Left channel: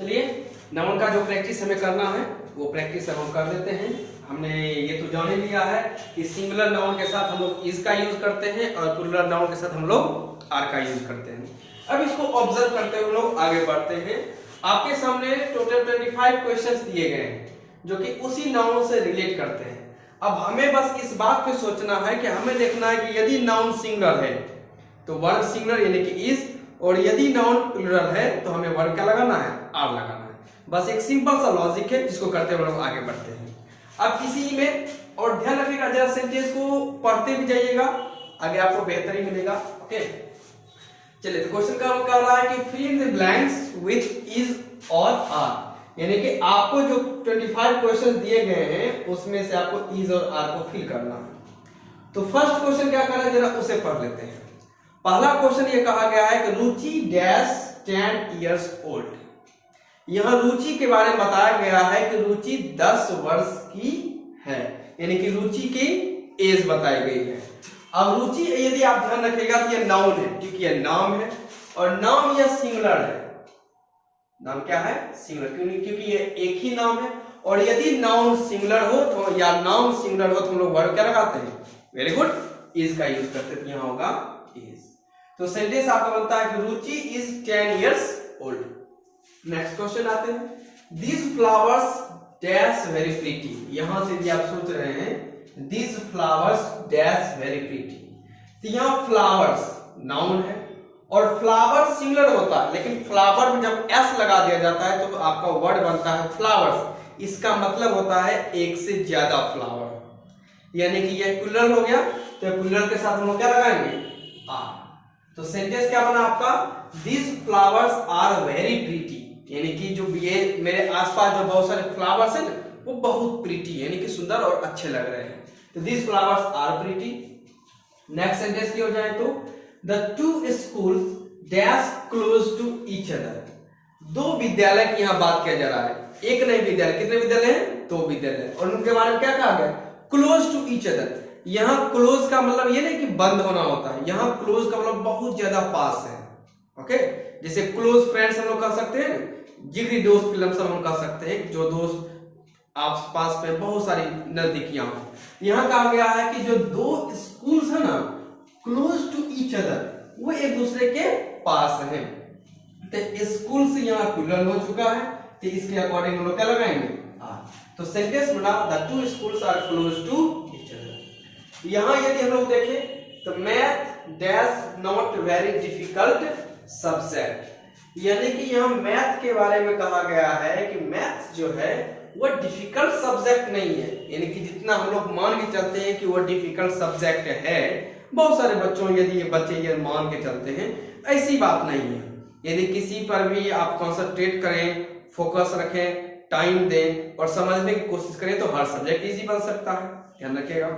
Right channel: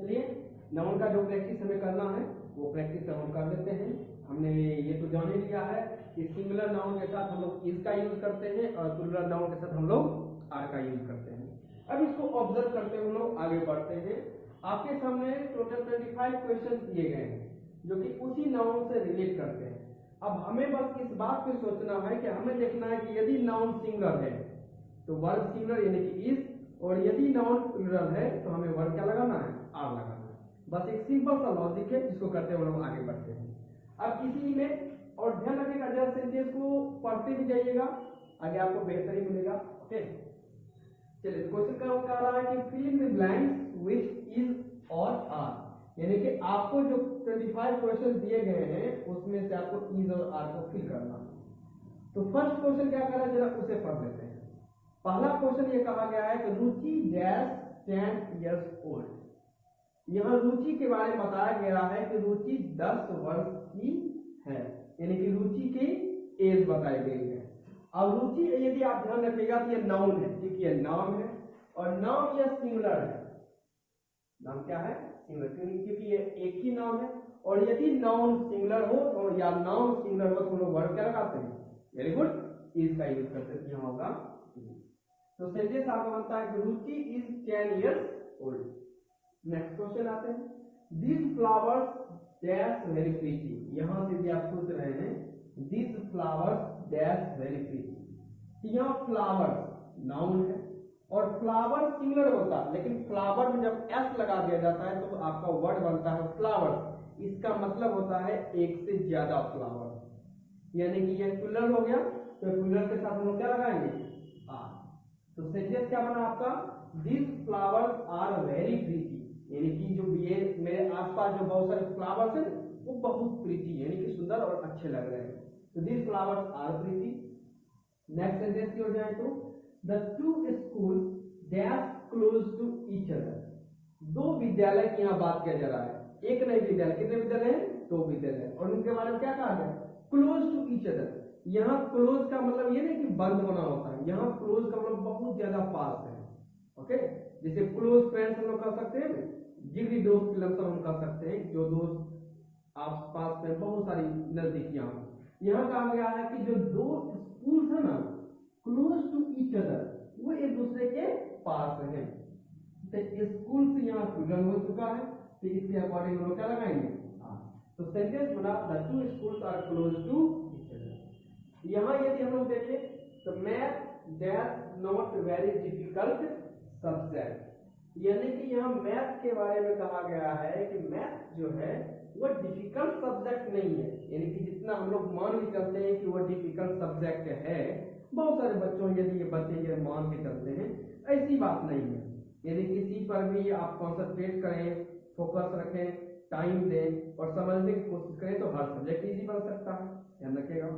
चलिए नाउन का जो प्रैक्टिस हमें करना है वो प्रैक्टिस अब हम कर देते हैं। हमने ये तो जान ही लिया है कि सिंगुलर नाउन के साथ हम लोग इज का यूज करते हैं और प्लूरल नाउन के साथ हम लोग आर का यूज करते हैं। अब इसको ऑब्जर्व करते हुए हम लोग आगे बढ़ते हैं। आपके सामने टोटल 25 क्वेश्चंस दिए गए हैं जो कि उसी नाउन से रिलेट करते हैं। अब हमें बस इस बात पे सोचना है कि हमें देखना है कि यदि नाउन सिंगुलर है तो वर्ब सिंगुलर यानी कि इज, और यदि नाउन प्लूरल है तो हमें वर्ब क्या लगाना है, आर लगाना है। बस एक सिंपल सा लॉजिक है जिसको करते हुए लोग आगे बढ़ते हैं। अब इसी में और ध्यान रखिएगा, जरा सेंटेंस को पढ़ते भी जाइएगा, आगे आपको बेहतरी मिलेगा। ओके चलिए, तो क्वेश्चन का कह रहा है कि fill in the blanks with is और आर, यानी कि आपको जो 25 क्वेश्चन दिए गए हैं उसमें से आपको इज और आर को फिल करना है। तो फर्स्ट क्वेश्चन क्या कर रहा है, जरा उसे पढ़ लेते हैं। पहला क्वेश्चन ये कहा गया है कि रुचि डैश 10 years old। यहां रुचि के बारे में बताया गया है कि रुचि 10 वर्ष की है, यानी कि रुचि की एज बताई गई है। अब रुचि यदि आप ध्यान रखिएगा तो ये नाउन है, क्योंकि ये नाम है और नाम यह सिंगुलर है। नाम क्या है, सिंगुलर, क्योंकि ये एक ही नाम है। और यदि नाउन सिंगुलर हो तो या नाउन सिंगुलर हो तो हम लोग वर्ब क्या लगाते हैं, वेरी गुड, इज का यूज करते हैं। यहां होगा इज। तो सेंटेंस आपका बनता है कि Ruchi is 10 years old। Next question आते हैं, These flowers dash very pretty। यहां से भी आप सोच रहे हैं These flowers dash very pretty, तो यहां फ्लावर्स नाउन है और फ्लावर सिंगुलर होता है, लेकिन फ्लावर में जब एस लगा दिया जाता है तो आपका वर्ड बनता है फ्लावर्स। इसका मतलब होता है एक से ज्यादा फ्लावर, यानी कि यह प्लूरल हो गया, तो प्लूरल के साथ हम लोग क्या लगाएंगे, आर। तो सेंटेंस क्या बना आपका, These flowers are very pretty, यानी कि जो ये मेरे आसपास जो बहुत सारे फ्लावर्स हैं वो बहुत प्रीटी यानी कि सुंदर और अच्छे लग रहे हैं। तो these flowers are pretty। Next sentence की हो जाए तो the two schools dash close to each other। दो विद्यालय की यहाँ बात किया जा रहा है, एक नहीं विद्यालय, कितने विद्यालय हैं, दो विद्यालय, और उनके बारे में क्या कहा गया, क्लोज टू ईच अदर। यहाँ क्लोज का मतलब ये नहीं कि बंद होना होता है, यहाँ क्लोज का मतलब बहुत ज्यादा पास है। ओके, जैसे क्लोज फ्रेंड्स हम लोग कह सकते हैं, जिगरी दोस्त के लमसम हम कह सकते हैं, जो दोस्त आस पास में बहुत सारी नजदीकियां हो। यहाँ कहा गया है कि जो दो स्कूल्स है ना, क्लोज टू ईच अदर, वो एक दूसरे के पास है। तो स्कूल से यहाँ प्लूरल हो चुका है, तो इसके अकॉर्डिंग हम लोग क्या लगाएंगे, आर। तो सेंटेंस बना the two schools are close to each other. यहाँ यदि हम लोग देखें तो math dash not very difficult subject, यानी कि यहाँ मैथ के बारे में कहा गया है कि मैथ जो है वो डिफिकल्ट सब्जेक्ट नहीं है, यानी कि जितना हम लोग मान के चलते हैं कि वो डिफिकल्ट सब्जेक्ट है, बहुत सारे बच्चों यदि ये बच्चे ये मान के चलते हैं, ऐसी बात नहीं है। यदि किसी पर भी आप कंसंट्रेट करें, फोकस रखें, टाइम दें और समझने की कोशिश करें तो हर सब्जेक्ट इजी बन सकता है, ध्यान रखिएगा।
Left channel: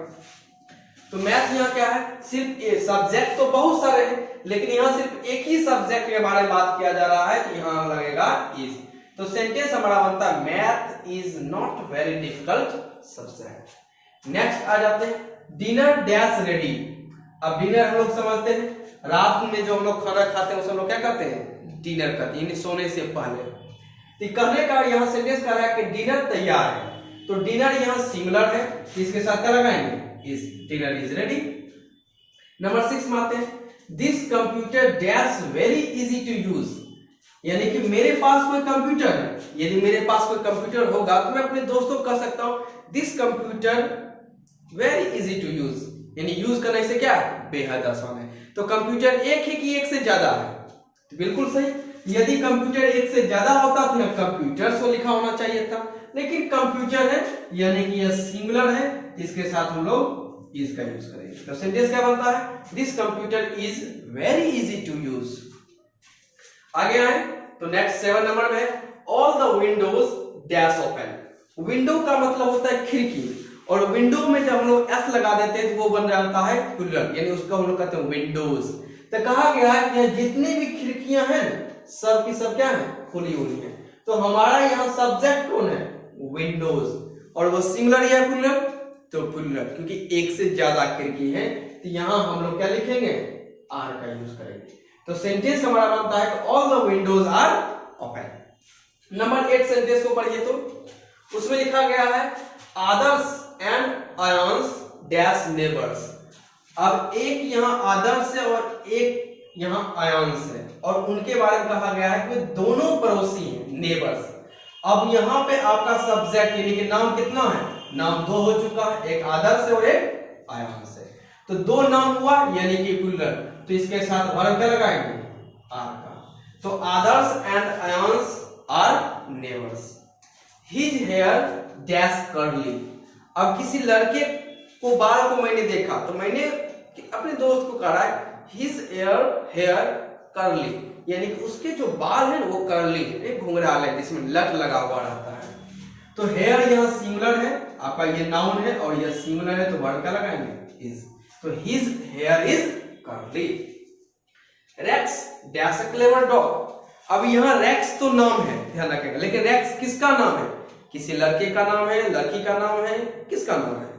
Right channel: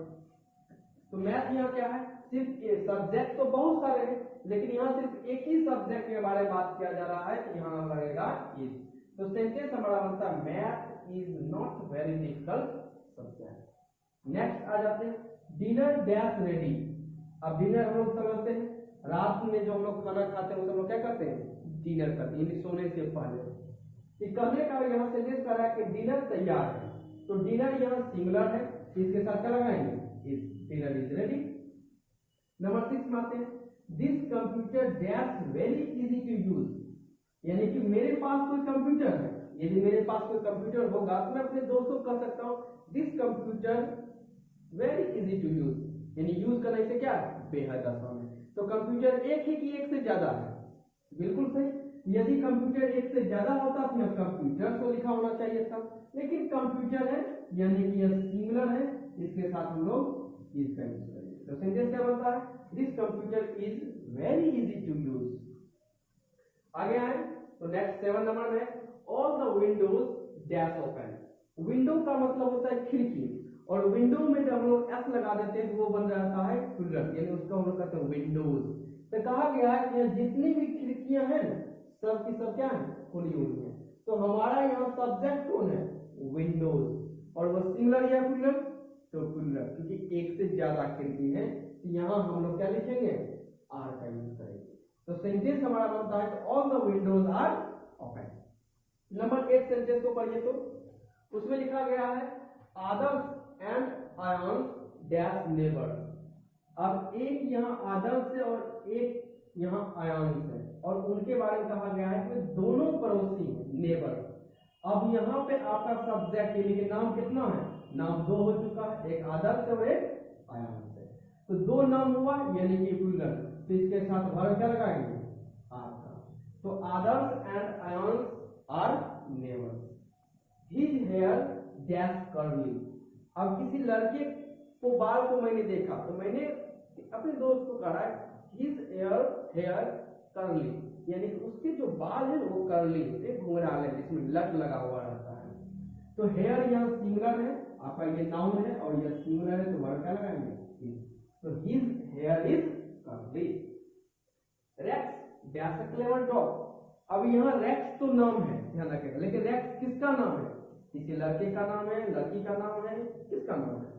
तो मैथ यहाँ क्या है, सिर्फ सब्जेक्ट तो बहुत सारे हैं, लेकिन यहाँ सिर्फ एक ही सब्जेक्ट के बारे में बात किया जा रहा है, तो यहाँ लगेगा इज। तो सेंटेंस हमारा बनता है math is not very difficult subject. Next आ जाते हैं, डिनर डैश रेडी। अब डिनर हम लोग समझते हैं, रात में जो हम लोग खाना खाते हैं उसे हम लोग क्या करते हैं, डिनर करते हैं, यानी सोने से पहले। तो कहने का यहाँ सेंटेंस कर रहा है कि डिनर तैयार है, तो डिनर यहाँ सिंगुलर है, इसके साथ क्या लगाएंगे, is, dinner is ready. Number 6 में आते हैं, this computer dash very easy to use, यानी कि मेरे पास कोई कंप्यूटर है, यदि मेरे पास कोई कंप्यूटर होगा तो मैं अपने दोस्तों को कह सकता हूं this computer very easy to use, यानी यूज करने से क्या है, बेहद आसान है। तो कंप्यूटर एक है कि एक से ज्यादा है, तो बिल्कुल सही। यदि कंप्यूटर एक से ज्यादा होता तो यहां कंप्यूटर सो लिखा होना चाहिए था, लेकिन कंप्यूटर है यानी कि यह सिंगुलर है, इसके साथ हम लोग इज का यूज करेंगे। तो सेंटेंस क्या बनता है, this computer is very easy to use. आगे आए तो नेक्स्ट 7 नंबर में, all the windows dash open. Window का मतलब होता है खिड़की, और विंडो में जब हम लोग एस लगा देते हैं तो वो बन जाता है प्लूरल, यानी उसको हम लोग कहते हैं विंडोज। तो कहा गया है कि जितनी भी खिड़कियां हैं सब की सब क्या है, खुली हुई है। तो हमारा यहाँ सब्जेक्ट कौन है, विंडोज, और वो सिंगुलर या प्लूरल, तो प्लूरल, क्योंकि एक से ज्यादा खिड़की है, तो यहाँ हम लोग क्या लिखेंगे, आर का यूज करेंगे। तो सेंटेंस हमारा बनता है कि all the windows are open. Number 8 sentence को पढ़िए तो उसमें लिखा गया है Adarsh and Aayansh dash neighbours. अब एक यहाँ आदर्श है और एक यहाँ आयांश है और उनके बारे में कहा गया है कि दोनों पड़ोसी हैं, नेबर्स। अब यहाँ पे आपका सब्जेक्ट यानी कि नाम कितना है, नाम 2 हो चुका है, एक आदर्श है और एक आयांश है। तो 2 नाम हुआ यानी कि प्लूरल, तो इसके साथ वर्ब क्या लगाएंगे, आर का। तो Adarsh and Aayansh are neighbours. His hair dash curly. अब किसी लड़के को बाल को मैंने देखा तो मैंने अपने दोस्त को कहा हिज हेयर कर्ली, यानी कि उसके जो बाल है वो कर्ली है, घुंघराल है जिसमें लट लगा हुआ रहता है। तो हेयर यहाँ सिंगुलर है, आपका ये नाउन है और ये सिंगुलर है, तो वर्ब क्या लगाएंगे, इज। तो his hair is curly. Rex dash a clever dog. अब यहाँ रेक्स तो नाम है, ध्यान रखिएगा, लेकिन रेक्स किसका नाम है, किसी लड़के का नाम है, लड़की का नाम है, किसका नाम है।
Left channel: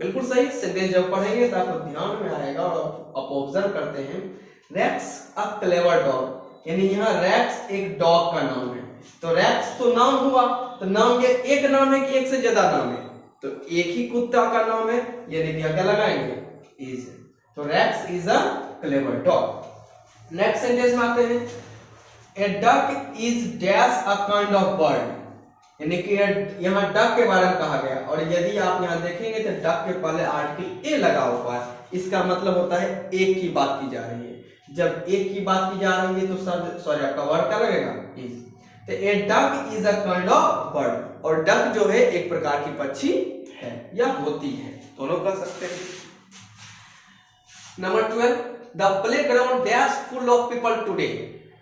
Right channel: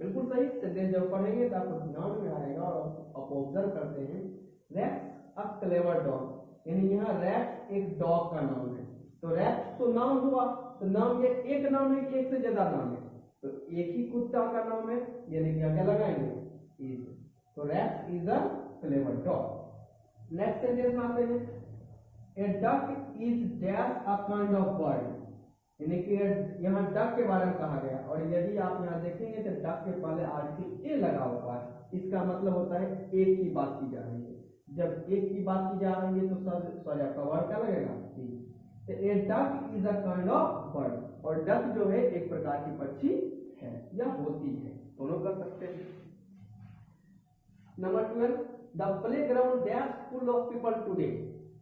बिल्कुल सही। सेंटेंस जब पढ़ेंगे तो आपको ध्यान में आएगा और आप ऑब्जर्व करते हैं रेक्स अ क्लेवर डॉग, यानी यहाँ रेक्स एक डॉग का नाम है। तो रेक्स तो नाम हुआ, तो नाम ये एक नाम है कि एक से ज्यादा नाम है, तो एक ही कुत्ता का नाम है, यानी कि क्या लगाएंगे, इज। तो Rex is a clever dog. Next sentence में आते हैं a duck is dash a kind of bird, यानी कि यहाँ डक के बारे में कहा गया और यदि आप यहाँ देखेंगे तो डक के पहले आर्टिकल ए लगा हुआ है, इसका मतलब होता है एक की बात की जा रही है। जब एक की बात की जा रही है तो सब सॉरी आपका वर्ड क्या लगेगा, इज। तो a duck is a kind of bird, और डक जो है एक प्रकार की पक्षी है या होती है, दोनों कह सकते हैं। Number 12 the playground dash full of people today.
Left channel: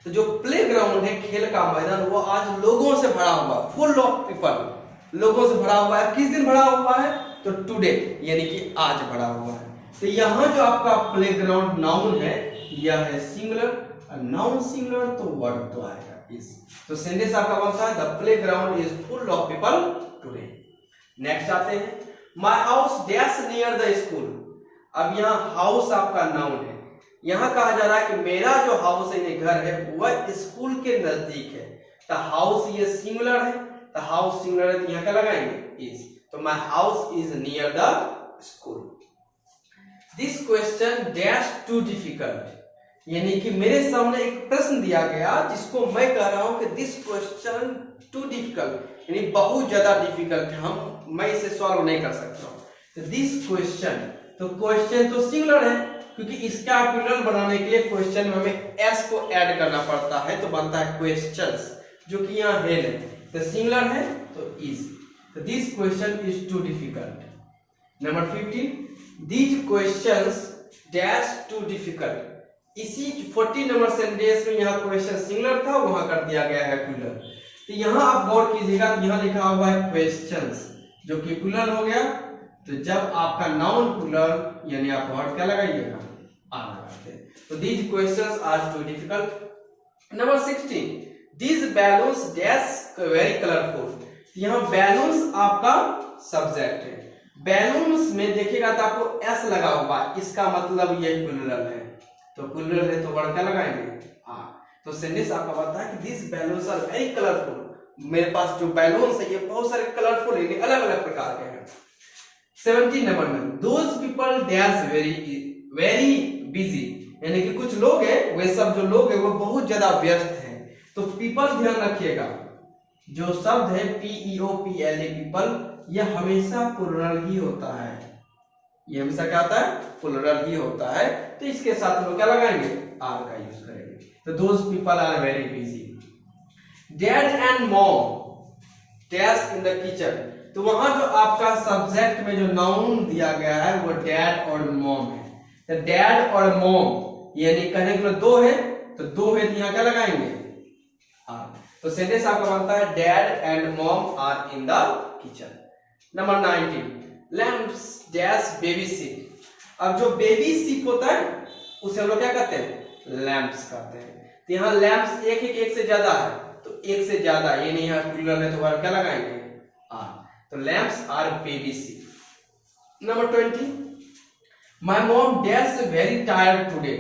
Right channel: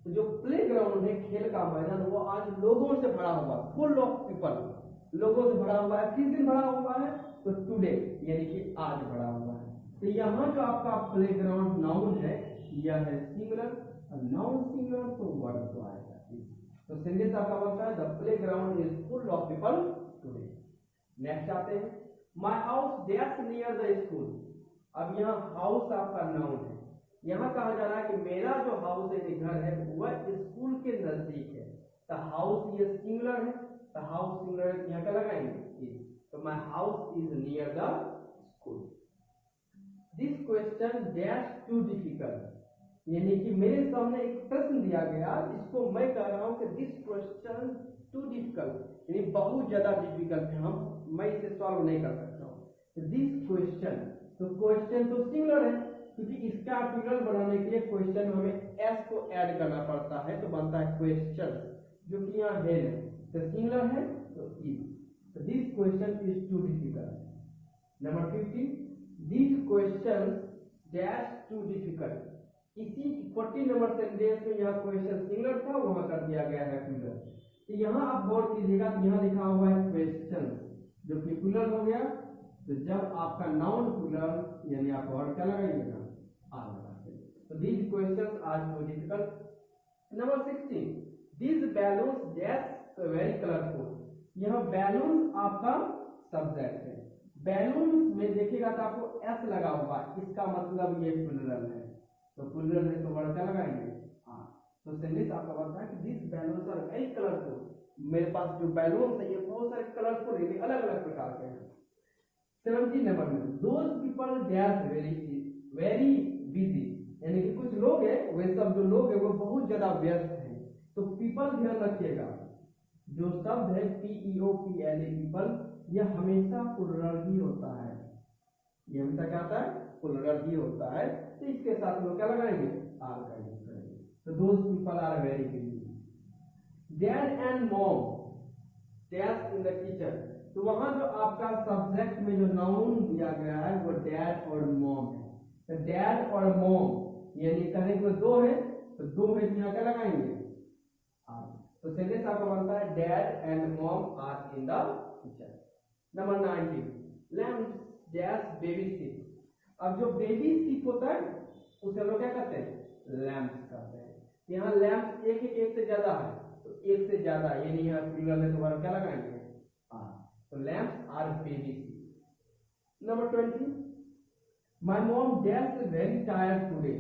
तो जो प्लेग्राउंड है, खेल का मैदान, वो आज लोगों से भरा हुआ, फुल ऑफ पीपल, लोगों से भरा हुआ है। किस दिन भरा हुआ है, तो टुडे यानी कि आज भरा हुआ है। तो यहाँ जो आपका प्लेग्राउंड नाउन है यह है सिंगुलर, नाउन सिंगुलर तो वर्ब तो आएगा इज। तो सेंटेंस आपका बनता है the playground is full of people today. Next आते हैं my house dash near the school. अब यहाँ हाउस आपका नाउन है, यहाँ कहा जा रहा है कि मेरा जो हाउस है, ये घर है, वह स्कूल के नजदीक है। तो हाउस ये सिंगुलर है, तो हाउस सिंगुलर है, तो यहाँ क्या लगाएंगे, इज। तो my house is near the school. This question dash too difficult, यानी कि मेरे सामने एक प्रश्न दिया गया जिसको मैं कह रहा हूं कि दिस क्वेश्चन टू डिफिकल्ट, यानी बहुत ज्यादा डिफिकल्ट है, मैं इसे सॉल्व नहीं कर सकता हूं। तो दिस क्वेश्चन, तो क्वेश्चन तो सिंगुलर है, क्योंकि इसका प्लूरल बनाने के लिए क्वेश्चन में हमें एस को ऐड करना पड़ता है, तो बनता है क्वेश्चंस, जो कि यहाँ हेड है, तो सिंगुलर है तो इज। तो this question is too difficult. Number 15 these questions dash too difficult. इसी 40 नंबर सेंटेंस में यहाँ क्वेश्चन सिंगुलर था, वहां कर दिया गया है प्लूरल। तो यहाँ आप गौर कीजिएगा, यहाँ लिखा हुआ है क्वेश्चंस, जो कि प्लूरल हो गया। तो जब आपका नाउन प्लूरल यानी आप वर्ड क्या लगाइएगा, आर लगाते हैं। तो these questions are too difficult. Number 16 these balloons dash very colourful. यहाँ बैलून्स आपका सब्जेक्ट है, बैलून्स में देखिएगा तो आपको एस लगा हुआ, इसका मतलब ये प्लूरल है, तो प्लूरल है तो वर्ड क्या लगाएंगे, आर। तो सेंटेंस आपका बताता है कि this balloons are very colourful. मेरे पास जो बैलून्स है ये बहुत सारे कलरफुल है, अलग अलग प्रकार के हैं। 17 नंबर में those people dash very busy, यानी कि कुछ लोग हैं, वे सब जो लोग हैं वो बहुत ज्यादा व्यस्त हैं। तो पीपल ध्यान रखिएगा, जो शब्द है PEOPLE पीपल, यह हमेशा प्लूरल ही होता है, ये हमेशा क्या होता है, प्लूरल ही होता है। तो इसके साथ हम क्या लगाएंगे, आर का यूज करेंगे। तो those people are very busy. Dad and mom dash in the kitchen. तो वहां जो आपका सब्जेक्ट में जो नाउन दिया गया है वो डैड और मॉम है। तो डैड और मॉम यानी कहने के लिए दो है, तो दो है तो यहाँ क्या लगाएंगे, आर। तो सेंटेंस आपका बनता है dad and mom are in the kitchen. Number 19 lamps dash baby seat. अब जो बेबी सीट होता है उसे हम लोग क्या कहते हैं, लैम्प्स कहते हैं। तो यहाँ लैम्प्स एक है कि एक से ज्यादा है, तो एक से ज्यादा, ये नहीं है प्लूरल है तो वर्ब क्या लगाएंगे, आर। तो lamps are baby seat. Number 20 my mom dash very tired today.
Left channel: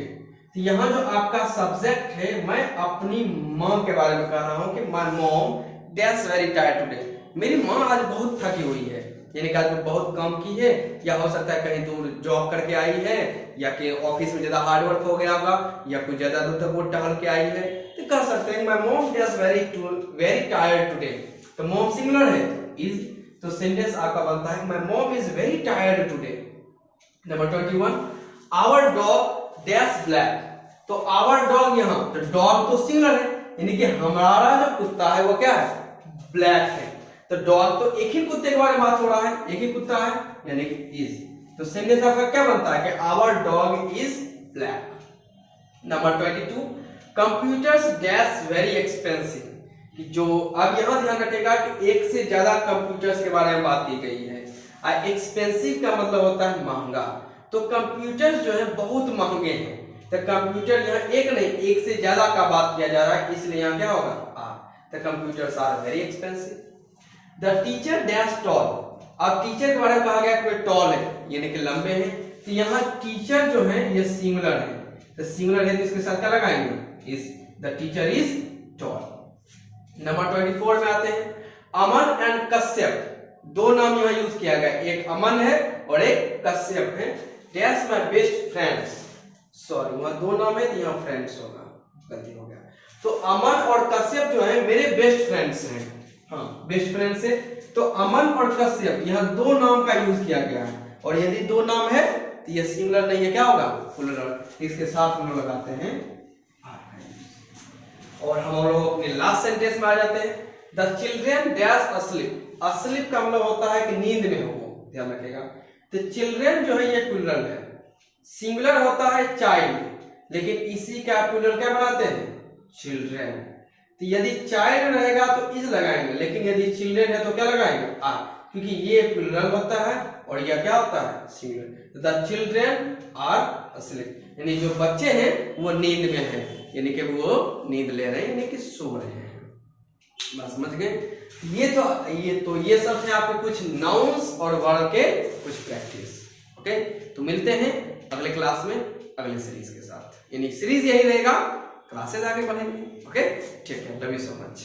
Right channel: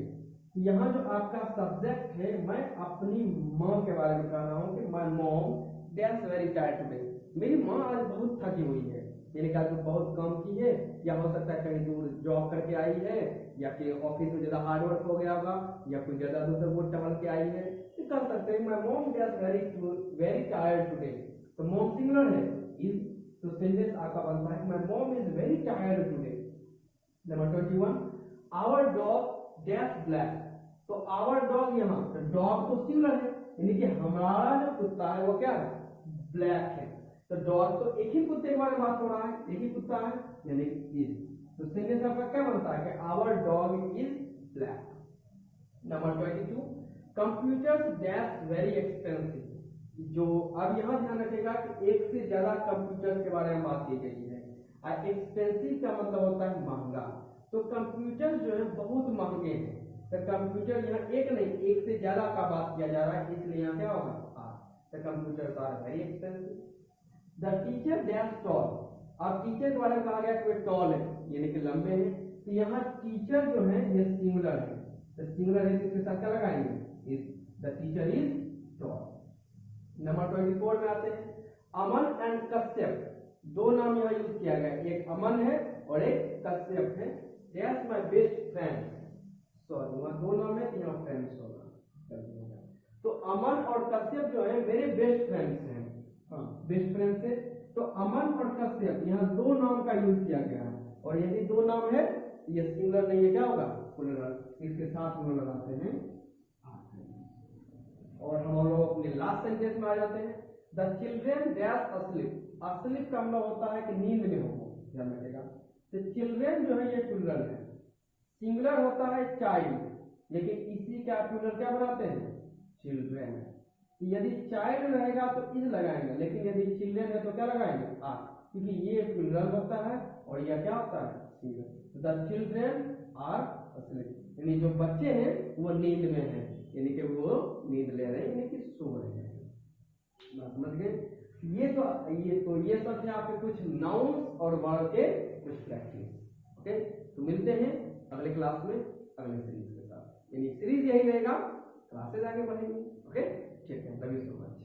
तो यहाँ जो आपका सब्जेक्ट है, मैं अपनी माँ के बारे में कह रहा हूँ कि my mom dash very tired today, मेरी माँ आज बहुत थकी हुई है, यानी कि आज वो बहुत काम की है, या हो सकता है कहीं दूर जॉब करके आई है, या कि ऑफिस में ज्यादा हार्ड वर्क हो गया होगा, या कुछ ज्यादा दूर तक वो टहल के आई है, तो कह सकते हैं my mom dash very tired today. तो मॉम सिंगुलर है इज, तो सेंटेंस आपका बनता है my mom is very tired today. Number 21, our dog dash black, तो आवर डॉग, यहाँ तो डॉग तो सिंगुलर है, यानी कि हमारा जो कुत्ता है वो क्या है, ब्लैक है। तो डॉग तो एक ही कुत्ते के बारे में बात हो रहा है, एक ही कुत्ता है, यानी कि इज, तो सेंटेंस आपका क्या बनता है कि our dog is black. Number 22, computers dash very expensive, कि जो अब यहाँ ध्यान रखेगा कि एक से ज्यादा कंप्यूटर्स के बारे में बात की गई है, और एक्सपेंसिव का मतलब होता है महंगा, तो कंप्यूटर्स जो है बहुत महंगे हैं, तो कंप्यूटर यहाँ एक नहीं एक से ज्यादा का बात किया जा रहा है, इसलिए यहाँ क्या होगा तो computers are very expensive. The teacher dash tall, अब टीचर के बारे में कहा गया कोई टॉल है यानी कि लंबे हैं, तो यहाँ टीचर जो है ये सिंगुलर है, तो सिंगुलर है तो इसके साथ क्या लगाएंगे is, the teacher is tall. Number 24 में आते हैं, अमन एंड कश्यप, दो नाम यहाँ यूज किया गया, एक अमन है और एक कश्यप है, dash my best friends, sorry वहां दो नाम है तो यहाँ फ्रेंड्स होगा, गलती हो गया, तो अमन और कश्यप जो है मेरे बेस्ट फ्रेंड्स हैं, हाँ बेस्ट फ्रेंड्स है, तो अमन और कश्यप यहाँ दो नाम का यूज किया गया है, और यदि दो नाम है तो ये सिंगुलर नहीं है, क्या होगा प्लूरल, इसके साथ हम लोग लगाते हैं और हम लोग अपने लास्ट सेंटेंस में आ जाते हैं, the children dash asleep, asleep का मतलब होता है कि नींद में हो, ध्यान रखिएगा, तो चिल्ड्रेन जो है ये प्लूरल है, सिंगुलर होता है चाइल्ड, लेकिन इसी का प्लूरल क्या बनाते हैं चिल्ड्रेन, तो यदि चाइल्ड रहेगा तो इज लगाएंगे, लेकिन यदि चिल्ड्रेन है तो क्या लगाएंगे आर, क्योंकि ये प्लूरल होता है और यह क्या होता है singular, the children are asleep, यानी जो बच्चे हैं वो नींद में हैं, यानी कि वो नींद ले रहे हैं, यानी कि सो रहे हैं, बस समझ गए। ये सब है आपके कुछ नाउन्स और वर्ब के कुछ प्रैक्टिस, ओके। तो मिलते हैं अगले क्लास में अगले सीरीज के साथ, यानी सीरीज यही रहेगा, क्लासेस आगे बढ़ेंगे, ओके ठीक है, लव यू सो मच।